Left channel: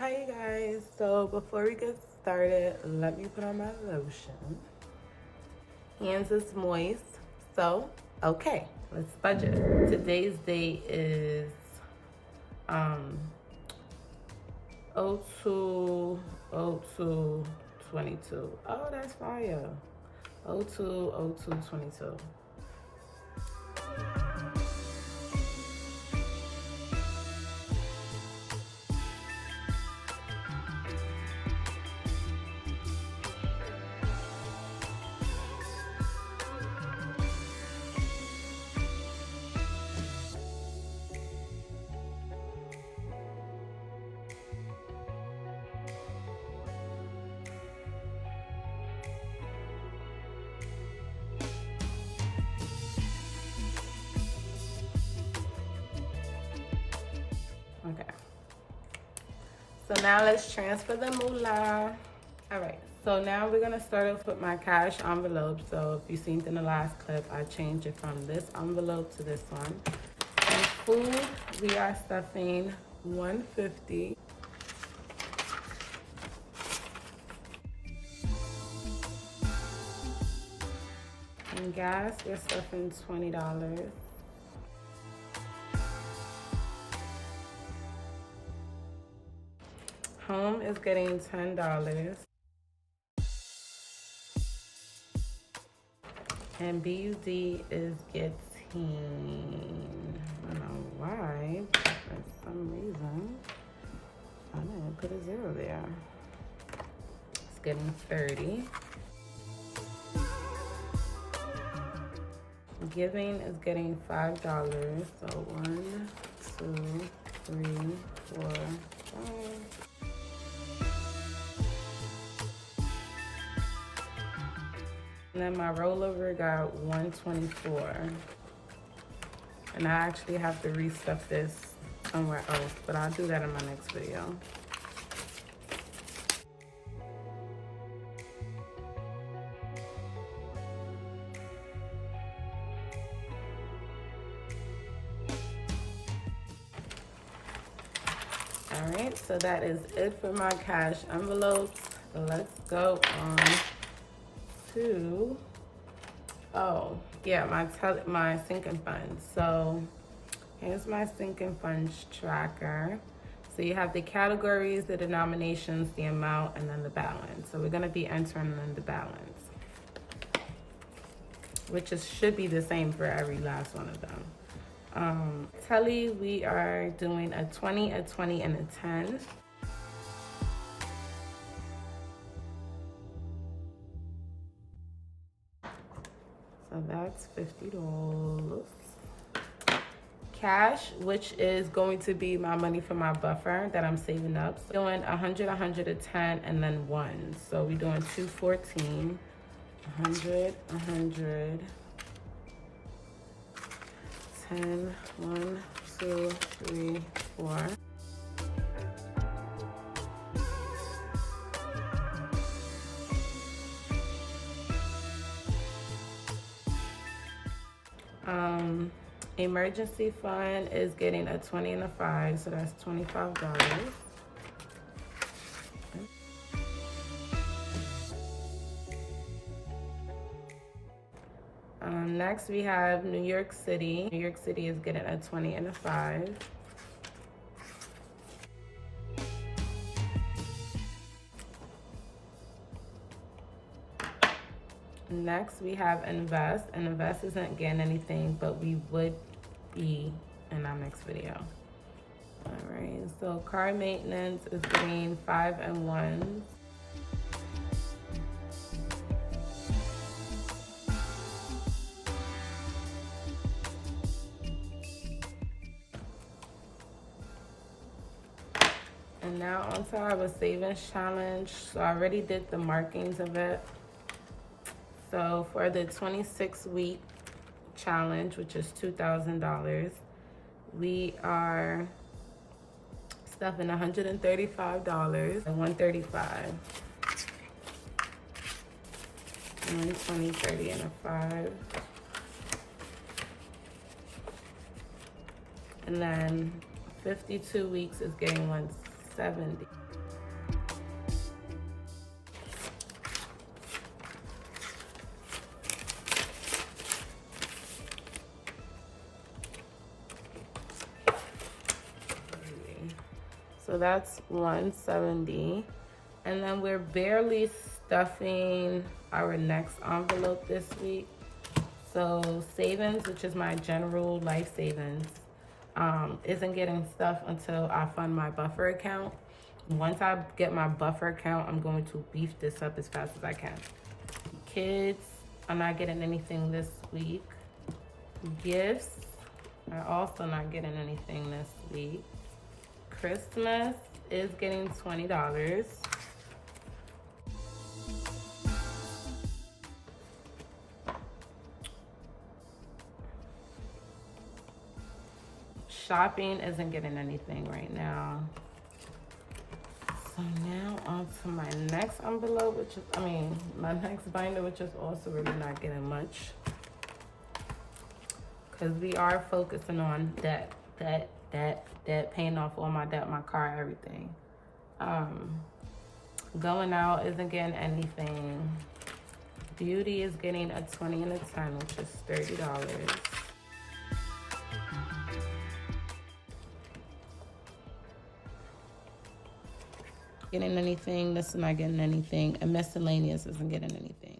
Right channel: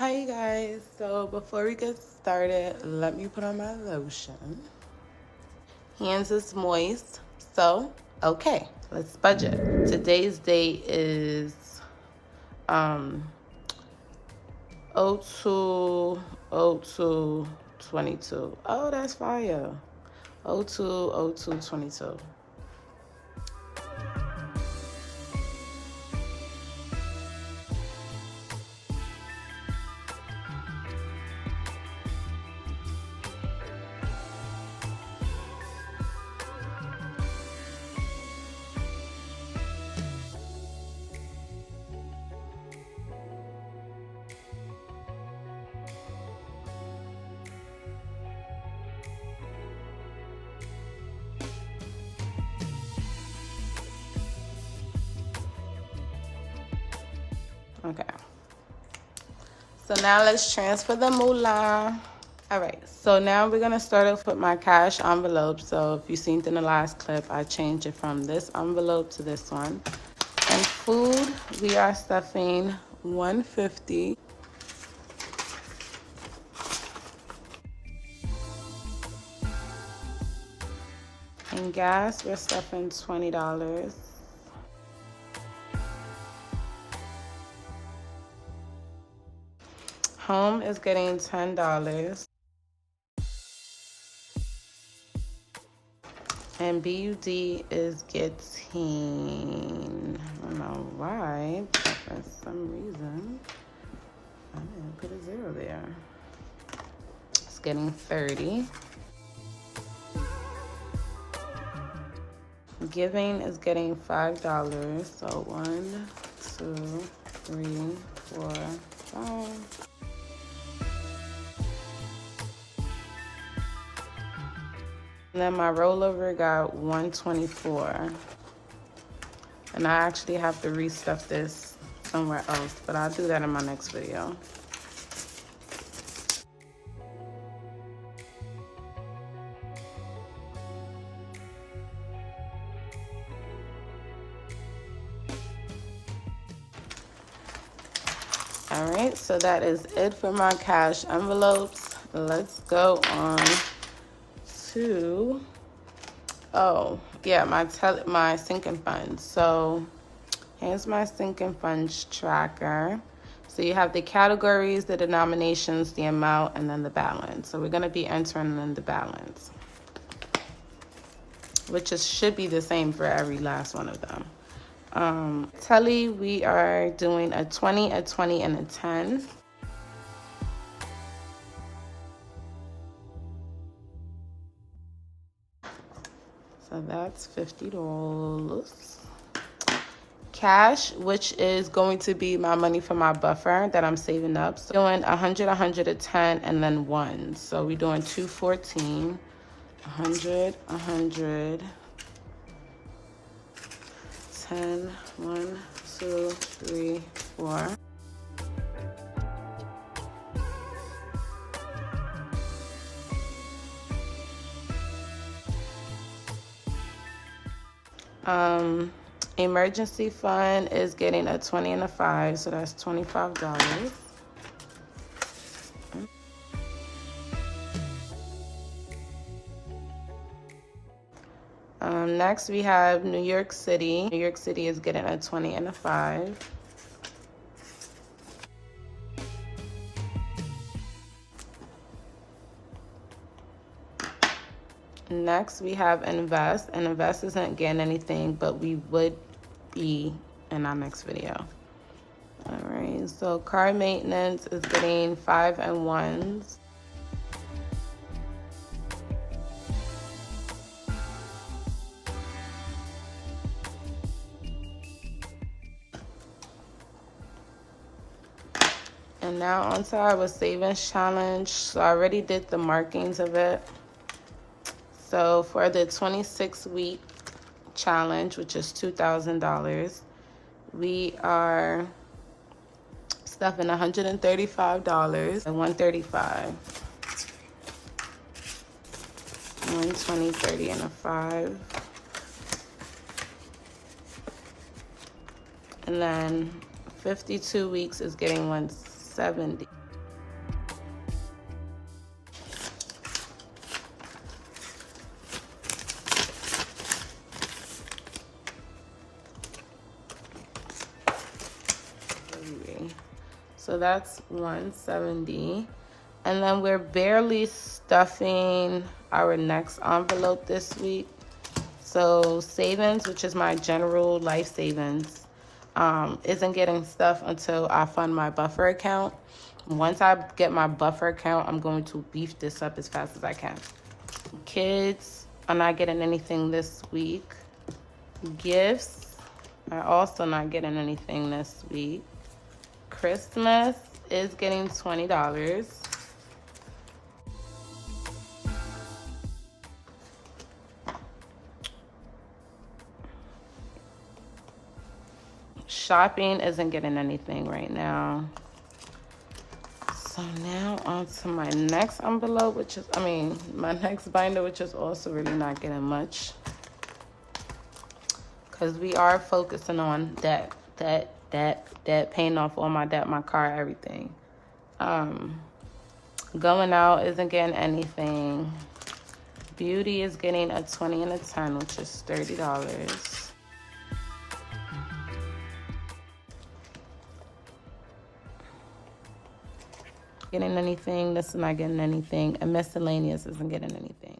Hi you guys, so before we get started, let me put on my lotion. Hands is moist, so okay, let's budget. Today's date is 02/02/22. Oh, that's fire. 02/02/22. Okay. So now let's transfer the moolah. All right, so now we're gonna start off with my cash envelope. So if you seen in the last clip, I changed it from this envelope to this one. And food, we are stuffing 150. And gas, we're stuffing $20. Home is getting $10. And BUD is getting, I don't know why, but for some reason, I didn't put a 0 there. It's getting 30. Giving is getting $5. So 1, 2, 3, 4, 5. And then my rollover got 124. And I actually have to restuff this somewhere else, but I'll do that in my next video. All right, so that is it for my cash envelopes. Let's go on to, oh yeah, my Sinkingfunds. So here's my Sinkingfunds tracker. So you have the categories, the denominations, the amount, and then the balance. So we're gonna be entering in the balance, which should be the same for every last one of them. Telly, we are doing a 20, a 20, and a 10. So that's $50. Cash, which is going to be my money for my buffer that I'm saving up. So doing 100, 100, a 10, and then 1. So we're doing 214, 100, 100, 10, 1, 2, 3, 4. Emergency fund is getting a 20 and a 5, so that's $25. Next we have New York City. New York City is getting a 20 and a 5. Next we have Invest, and Invest isn't getting anything, but we would be in our next video. All right, so car maintenance is getting 5 and 1s. And now onto our savings challenge. So I already did the markings of it. So for the 26-week challenge, which is $2,000, we are stuffing $135 and $135. 120, 30, and a 5. And then 52 weeks is getting 170. So that's 170. And then we're barely stuffing our next envelope this week. So savings, which is my general life savings, isn't getting stuff until I fund my buffer account. Once I get my buffer account, I'm going to beef this up as fast as I can. Kids are not getting anything this week. Gifts are also not getting anything this week. Christmas is getting $20. Shopping isn't getting anything right now. So now on to my next envelope, which is, my next binder, which is also really not getting much. Because we are focusing on debt, paying off all my debt, my car, everything. Going out isn't getting anything. Beauty is getting a 20 and a 10, which is $30. Getting anything, this is not getting anything, and miscellaneous isn't getting anything.